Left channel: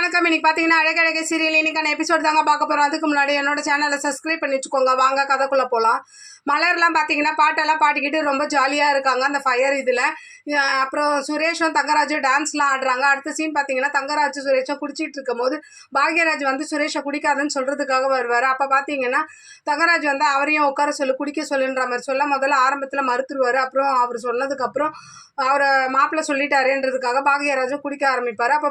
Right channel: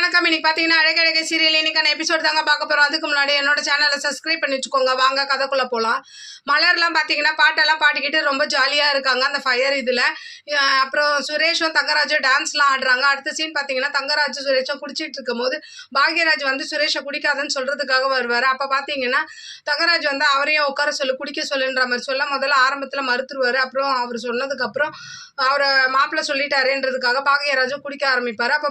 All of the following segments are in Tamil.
வணக்கம். இன்னைக்கு பார்த்தீங்கன்னா அழகழகை சீரியல் இன்னைக்கான எபிசோட் தாங்க பார்க்க போகிறோம். அதுக்கு முன்னாடி என்னோட சேனலை சப்ஸ்கிரைப் பண்ணி வச்சுக்கோங்க. வாங்க கதைக்குள்ளே போகலாம். மலர்லாம் பார்த்தீங்கன்னா பாட்டெல்லாம் பாடிக்கிட்டு ரொம்ப ஜாலியாக இருக்காங்க அந்த ஃபயர் இதில். அப்புறம் சுரேஷும் தங்கராஜும் டான்ஸ்லாம் ஆடுறாங்க. அடுத்த சீன் பார்த்தீங்கன்னா தங்கராஜும் சுரேஷும் குடிச்சிட்டு இருக்கும் போது பாக்யராஜ் வந்து சுரேஷை குடிக்காதுன்னு சொல்கிறதுக்காக வருவார். அப்போ பார்த்தீங்கன்னா தங்கராஜ் வந்து அவரையும் உட்கார சொல்லு குடிக்க சொல்லுன்ற மாதிரி சொல்ல முதல்ல ஆரம்பத்தில் மறுத்துருவார். அப்புறம் அவர் சொன்னதுக்கப்புறம் அவரை மாப்பிள்ளை சொல்லிட்டாருன்றதுக்காக பாக்யராஜும் குடிக்க ஆரம்பிப்பார். அப்போ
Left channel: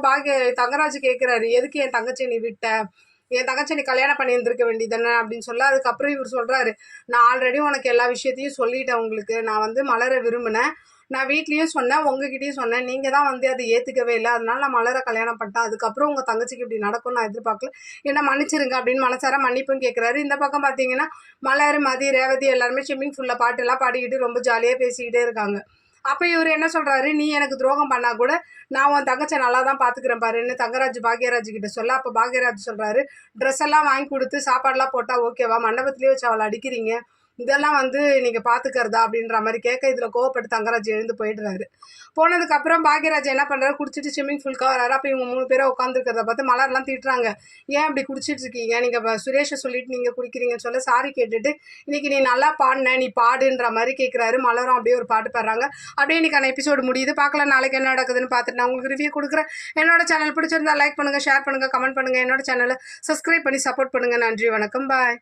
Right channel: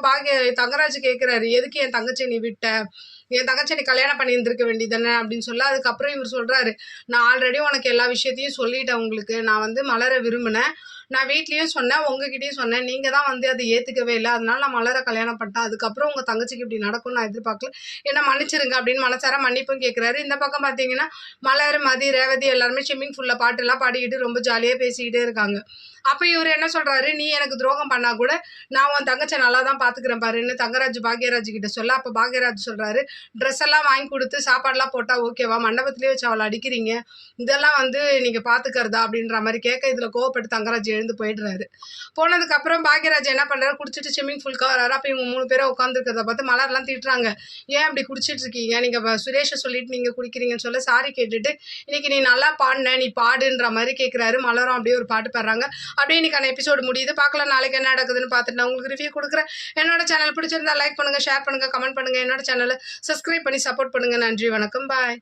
தங்கராஜ் கேட்குறாரு, எதுக்கு என் தங்கச்சி நீ விட்ட, என் தங்கச்சி நீ கல்யாணம் பண்ணி இருந்திருக்க வேண்டியதானே அப்படின்னு சொல்ல, அதுக்கப்புறம் இவர் சொல்கிறாரு, நான் ஆல்ரெடி உனக்கு எல்லா விஷயத்தையும் சொல்லிட்டேன். உங்களுக்கு நான் வந்து மலரை விரும்பினேன், நான் வீட்லேயும் சொன்னேன், உங்ககிட்டயும் சொன்னேன், நீங்கள் தான் வந்து அதை ஏற்றுக்கவே இல்லை, அதனால நான் மலரை கல்யாணம் பண்ணிட்டேன். அதுக்கப்புறம் உங்கள் தங்கச்சிக்கு இப்படி நடக்கும்னு நான் எதிர்பார்க்கல, என்ன மன்னிச்சிருங்க அப்படின்னு மனசார மன்னிப்பும் கேட்குறாரு. இந்த பக்கம் பார்த்தீங்கன்னா மலர், மதி, ரேவதி எல்லாருமே ஸ்விம்மிங் ஃபுல்லில் பாட்டெல்லாம் பாடிக்கிட்டு ரொம்ப ஜாலியாக பேசிக்கிட்டே இருக்காங்க. அப்போ இவர் என்ன சொல்கிறாரு, நீ எனக்கு துரோகம் பண்ணால் கூட நான் உன் தங்கச்சை நல்லா தான் பார்த்துக்கிறேன் பாருன்னு தங்கராஜ் பாக்யராஜ் கிட்ட சொல்ல, அப்போ பாக்யராஜ் சொல்கிறாரு, ட்ரெஸ் எல்லாம் வாங்கி கொடுத்து சாப்பாடெலாம் போட்டால் ஓகேவா, மண்டபத்திலே வச்சு அவளை அடிக்கிறீங்க, இதெல்லாம் வந்து நீங்கள் பார்த்துக்கிறதா அப்படின்ற மாதிரி கேட்க இதில் கோவப்பட்டு தங்கராஜ் எழுந்து போயிடுறாரு. போனதுக்கப்புறம் பாக்யராஜ் என்ன பண்ணுறாரு, குடிச்சிட்டு ஸ்விம்மிங் ஃபுல்காக வராரு. அப்போ இவங்க 3 பேரை உட்காந்துருக்கிறத பார்த்து மலர்லாம் திட்டுறாங்க, ஏன் இப்படி குடிச்சிட்டு இருக்கீங்க, நீங்கள் சுரேஷை சொல்லிட்டு நீங்கள் குடிக்கிறீங்கன்னு சொல்ல சாரி கேட்டுட்டு இன்னைக்கு நீ நல்லா பாடின, நீ பாடுன்ற மாதிரி கேட்குறாரு. மலரும் அப்படியே ஒரு பாட்டு பாடுறாங்க. அப்படியே இன்னைக்கான எபிசோடு முடியுது. பார்க்கலாம் நாளைக்கு என்ன நடக்குதுன்னு பார்த்துட்டு நான் உங்களுக்கு ரிவ்யூ கொடுக்குறேன். என்னோட சேனல் பிடிச்சிருந்தா லைக் பண்ணுங்கள், ஷேர் பண்ணுங்கள், கமெண்ட் பண்ணுங்கள். என்னோட சேனலை சப்ஸ்கிரைப் பண்ணி சப்போர்ட் பண்ணுங்கள். நன்றி, வணக்கம், பாய்.